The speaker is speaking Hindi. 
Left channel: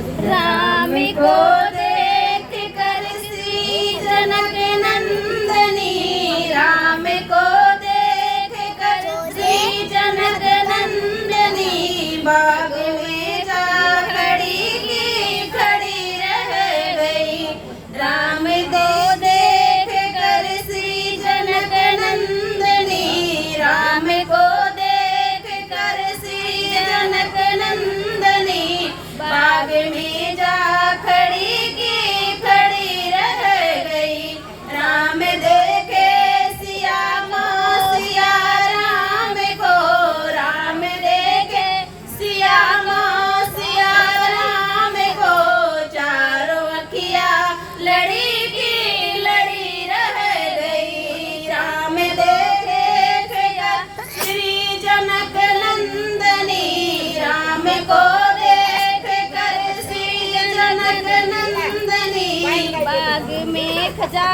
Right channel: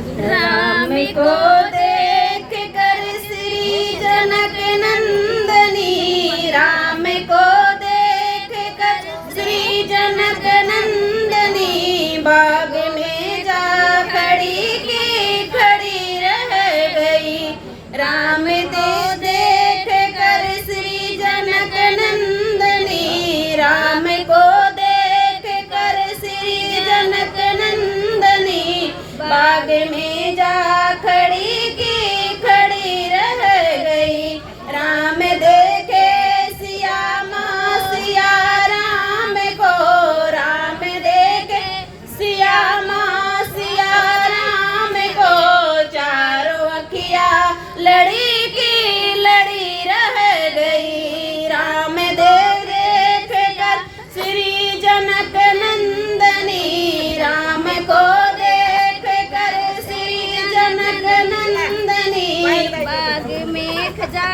राम को देख कर श्री जनक नंदनी, राम को देख कर श्री जनक नंदनी, बाग में जा खड़ी की खड़ी रह गई। राम को देख कर श्री जनक नंदनी, राम को देख कर श्री जनक नंदनी, बाग में जा खड़ी की खड़ी रह गई। राम देखे सिया माँ सिया राम को, राम देखे सिया माँ सिया राम को, चारों अखिया लड़ी की लड़ी रह गई। राम देख कर श्री जनक नंदनी, राम को देख कर श्री जनक नंदनी, बाग में खजा